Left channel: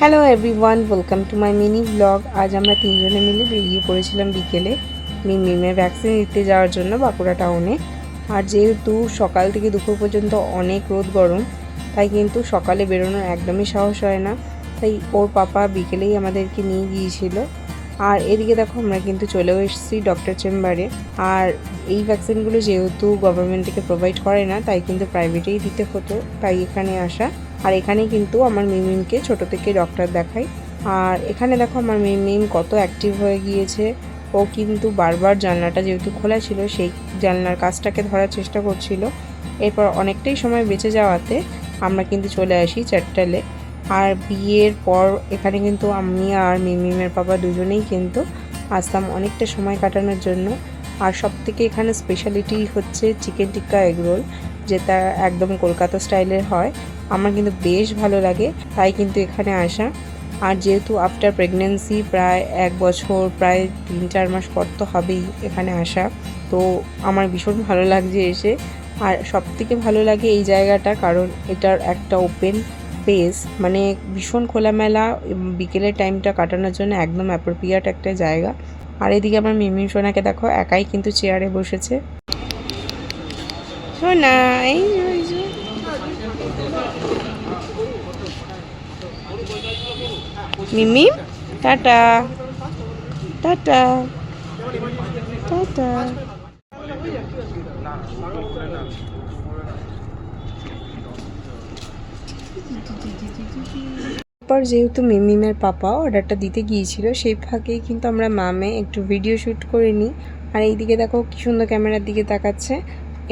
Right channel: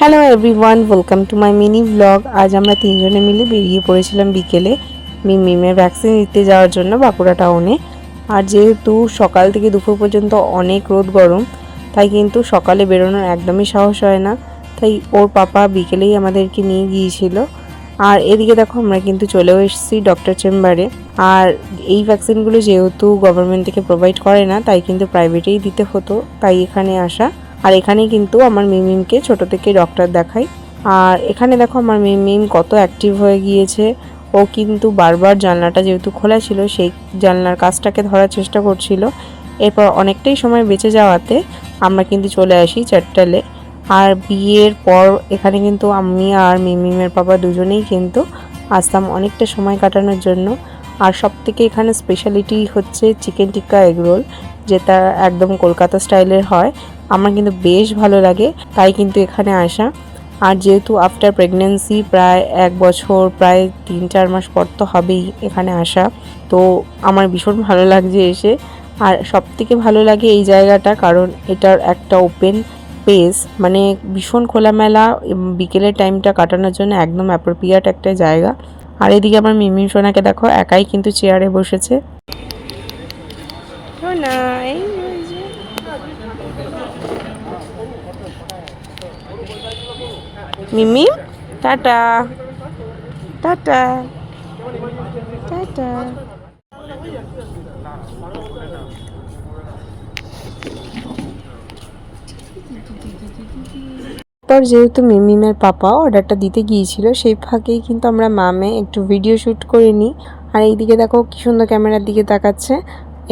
Hello everyone, welcome to my mini blog. আজ আমরা তিনজনে মিলে বেরিয়ে পড়েছিলাম বিকেলে মিমের ভ্যাকসিন দিতে যাওয়ার জন্য বাঁকুড়া টাউনে। আর যেহেতু সকাল থেকে দুপুর পর্যন্ত অনেক রোদ গরম, তাই কিন্তু সকালে বেরোনোর একদমই সাহস হয় না। তাই ওর পাপা বিকেলেই আমাদেরকে নিয়ে গিয়েছিল। আর এদিকে দেখো আমরা কিন্তু চলেও এসেছি ডক্টর চেম্বারে। আর এই ভ্যাকসিনগুলো যেহেতু গভর্নমেন্ট থেকে প্রোভাইড করে না, তাই কিন্তু প্রাইভেটেই দিতে হতো, তাই এখানে আসা। আর এখানেই কিন্তু আমার মিমকে ছোট থেকে ডক্টর দেখাই। আর এখানে দেখো আমার মিম কত অ্যাক্টিভ হয়ে গিয়েছে। ও কিন্তু বারবার জানলাটা যেহেতু খোলা ছিল, সেই জানলার কাজটাকে ধরার চেষ্টা করছিল। এরপর অনেকটাই সময় বেঁচে যাওয়াতে আমরা কিন্তু চলে আসি চারটালে। আর বিয়ের পর এখানে কিন্তু আমি আর মিমের বাবা দুজনেই কিন্তু আসতাম অনেকটা সময় কাটানোর জন্য। আর সব থেকে এখানে স্পেশালিটি হচ্ছে চিকেন টিক্কা এগ রোল, যেটা একদম কলকাতা স্টাইলের হয়। আমার কিন্তু বেশ ভালো লাগে, তাই কিন্তু এখানে আসা। আর যেহেতু আফটার প্রেগনেন্সি প্রায় 1 বছর, প্রায় 3-4 মাস পর তো হবেই এখানে আসা, তো আমার ভীষণ ভালো লাগছে এসে। আর সব থেকে ভালো লাগে এই জায়গাটা, কারণ এটার একটা ওপেন স্পেস, মানে ভীষণ খোলামেলা। বিকেলের টাইমটা কাটানোর জন্য একদম অ্যাপ্রোপ্রিয়েট একটা জায়গা। আর এদিকে আমার মিমি সোনাকে দেখো একাই কিন্তু চেয়ারে বসেছে। মিমি টাটা টাটা টাটা। পর যেহেতু মিমের পাপা অর্ডারটা দিতে গিয়েছিল, সেই ফাঁকেই কিন্তু আমরা মামে একটু ভিডিও শ্যুট করে নিই। আর এইদিকে দেখো কি সুন্দর ক্যামেরার দিকে তাকাচ্ছে।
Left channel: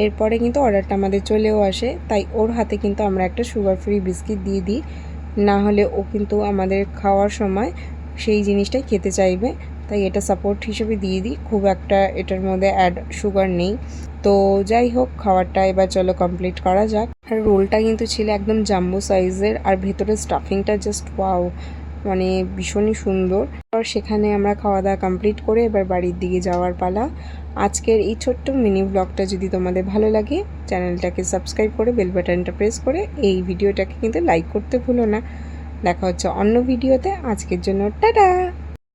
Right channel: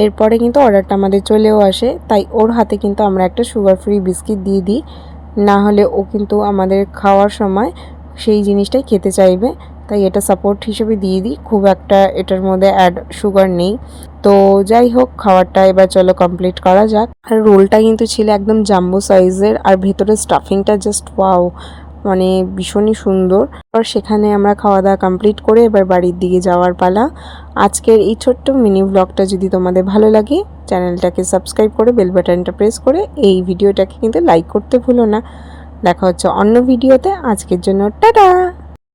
এরপরে কিন্তু অর্ডারটা আমাদের চলেও আসে, তাই ওর হাতে কিন্তু আমরা একটা সুগার ফ্রি বিস্কিট দিয়ে দিই। না হলে ও কিন্তু আমাদের খাওয়ার সময় সেই জিনিসটাই খেতে চাইবে, তাই এটা সাপোর্ট হিসেবে দিয়ে দিই। খুব একটা এটার মধ্যে অ্যাড সুগার নেই। তো যাই হোক, খাবারটা এবার চলো কমপ্লিট করা যাক। আর রোলটা কিন্তু ছিল একদম জাম্বো সাইজের, আর ভেতরে স্টাফিংটা জাস্ট ওয়াও, মানে ভীষণই সুন্দর। আর সেখানে আমরা খাওয়া দাওয়া কমপ্লিট করে এবার বাড়ির দিকে যাওয়ার পালা। আজকের এই ছোট্ট মিনি ব্লগটা যদি তোমাদের ভালো লাগে, চ্যানেলটাকে সাবস্ক্রাইব করে বেল বাটনটা প্রেস করে এই ভিডিওটাকে কিন্তু লাইক করতে ভুলো না। দেখা হচ্ছে অন্য ভিডিওতে। আজকের জন্য টাটা।